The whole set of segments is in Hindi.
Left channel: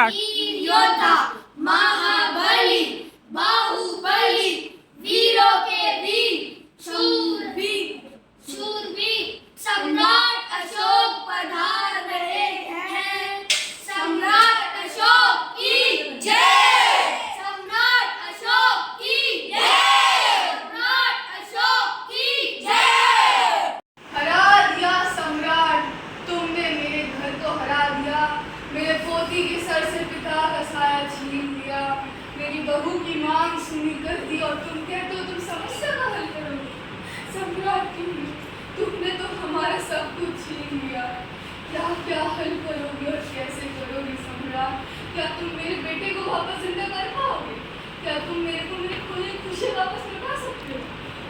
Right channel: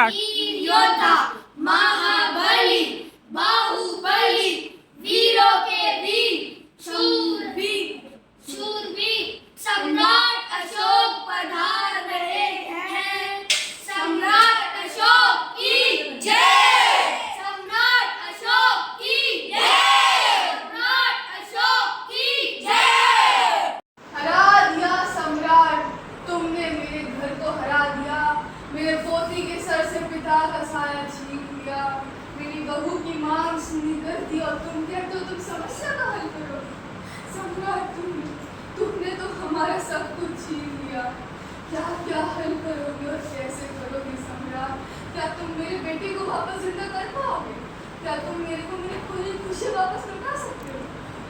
स्टार्ट। योद्धा महाबली बाहुबली वीरों के वीर शूरवीर सम्राट अशोक पधार रहे हैं। सम्राट अशोक की जय। सम्राट अशोक की जय। सम्राट अशोक की जय। हरा दिया सम्राट, तुमने मेरे घर को हरा दिया। मेरे पोती के सर से पिता का साया छीन लिया। मेरी बहू की मांग सुनी कर दी और तुम कहते हो तुम समस्या का हल करोगे। सम्राट तुमने तो हमारा सब कुछ छीन लिया। क्या क्या हल करोगे और कैसे करोगे सम्राट? क्या तुम मेरे बेटे को वापस जिंदा कर पाओगे? क्या तुम मेरे को मेरी खुली खुशी वापस लौटा सकते हो?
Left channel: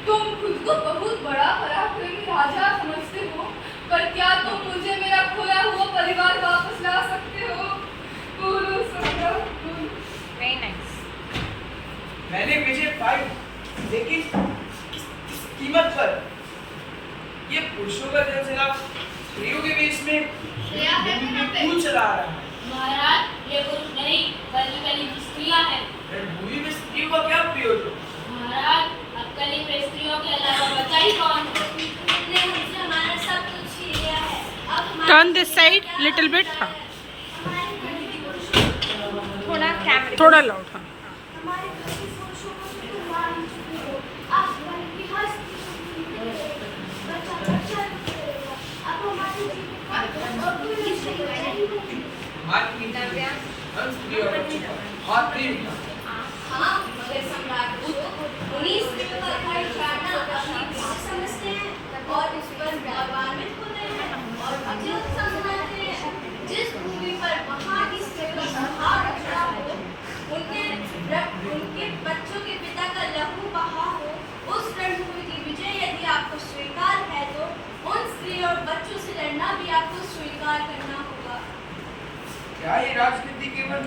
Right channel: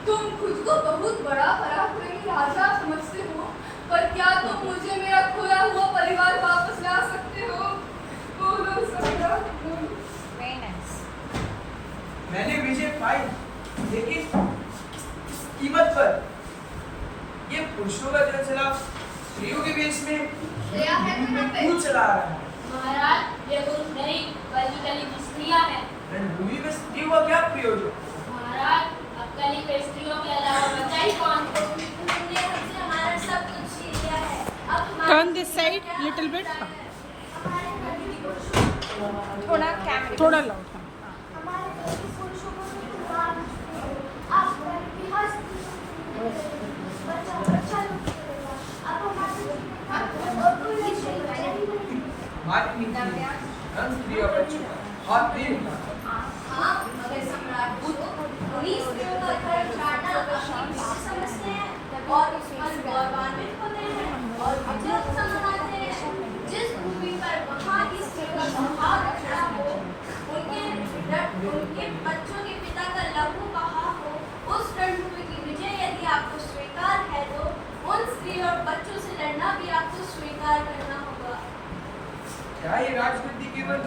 तुम खुद को बहुत बड़ा पराक्रमी राजा समझते हो, पर क्या तुम मुझे मेरा खोया हुआ परिवार वापस ला सकते हो? बोलो सम्राट, बोलो। Very nice. मैंने विजय पाई, लेकिन किस कीमत पर? ये पुरुषों का सिलसिला स्त्रियों के बीच में क्यों चला रहा है? महाराज, ये पुरुष नहीं बल्कि स्त्रियां हैं। रणभूमि में स्त्रियों का क्या प्रयोजन? महाराज, अब कली पे स्त्रियों के अलावा बचा ही कौन? तुमने हमसे हमारा सब कुछ छीन लिया है। अब हमारे turn this side little bit. हाँ, थोड़ा लाउड। हाँ, स्त्रियों का हाथ नहीं उठा। हाँ, मगर सम्राट अशोक उन्हीं स्त्रियों का घर उजाड़ना अपनी बेटी समझते हैं और उस पर गौरवान्वित होते हैं और मुझे समझाते हैं। जिस भूमि पर वहाँ की स्त्रियों का संहार उजड़ा हो, उनके बच्चों के पिता का लहू बहा हो, उस रणभूमि की विजय यदि आपको स्वीकार है तो उन स्त्रियों और बच्चों से लड़ना भी आपको स्वीकार करना होगा। क्या ये राजनीति केवल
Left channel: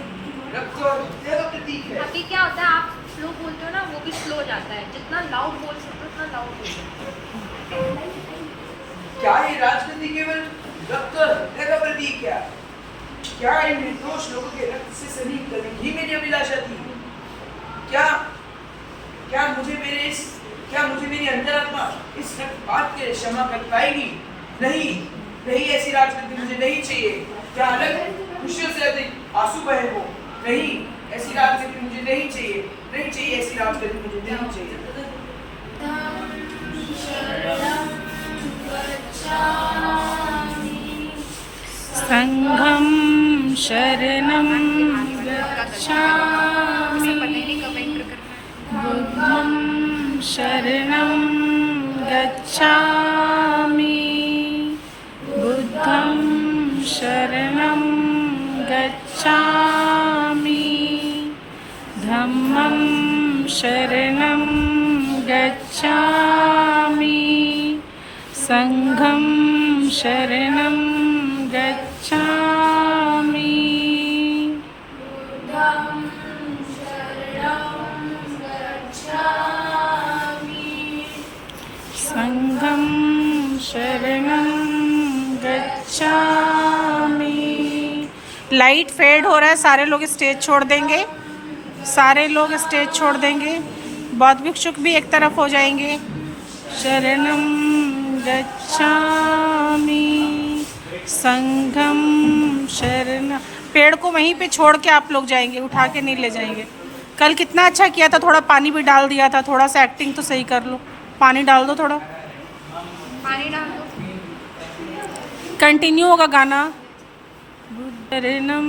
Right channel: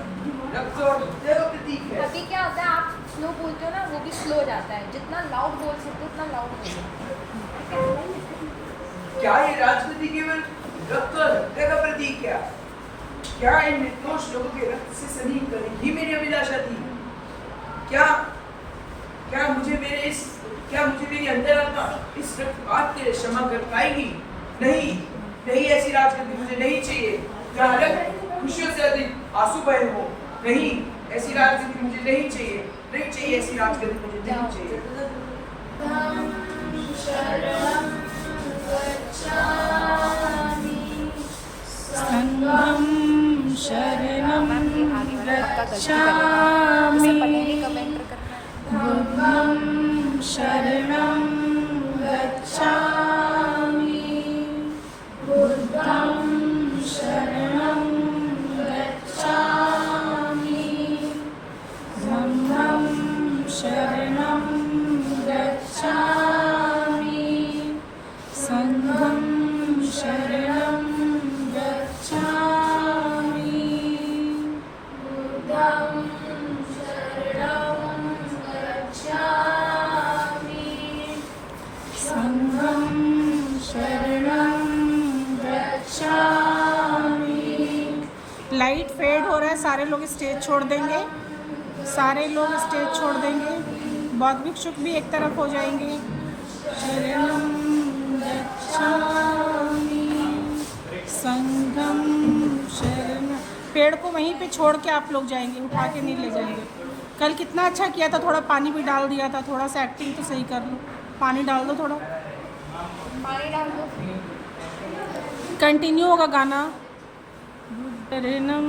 रक्त और हत्या का प्रतीक है? अभी क्या होता है, आप स्लो बोलते हो ना, वो भी स्लो जाता है। जितना लाउड बोल सकते हो उतना लाउड बोलो। क्या ये राजनीति केवल रक्त और हत्या का प्रतीक है? क्या इन निर्दोष लोगों के रक्त से सनी करनी ही मेरी अभिलाषा थी? क्या क्या मुझे मेरी अंतरात्मा इस रक्तपात के लिए क्षमा कर पाएगी? नहीं नहीं, ऐसी राजनीति मुझे नहीं चाहिए जहाँ रक्त खुशियों से अधिक आंसू बहे हो। नहीं, ऐसी राजनीति मुझे नहीं चाहिए। नहीं चाहिए, ऐसी राजनीति मुझे नहीं चाहिए। संघम शरणं गच्छामि, बुद्धं शरणं गच्छामि, बुद्धं शरणं गच्छामि, धम्मं शरणं गच्छामि, संघं शरणं गच्छामि। बुद्धं शरणं गच्छामि। संघं शरणं गच्छामि। लाइट फेड हो रहा है, सारे लोग स्टेज छोड़ देंगे। सारे लोग स्टेज छोड़ देंगे। बौद्ध भिक्षुक भी एक तरफ हो जाएंगे। शरणं गच्छामि, संघम शरण। पेड़ को वहीं पे छोड़ के आप लोग जाएंगे, उठा के नहीं ले जाएंगे। कल कितना अच्छा किया था, थोड़ा पानी भी डाल दिया था। थोड़ा सा एक्टिंग तो सही कर लो, पानी डाल दो थोड़ा। पानी डाल दो। कंटिन्यू होगा गाना। शरणं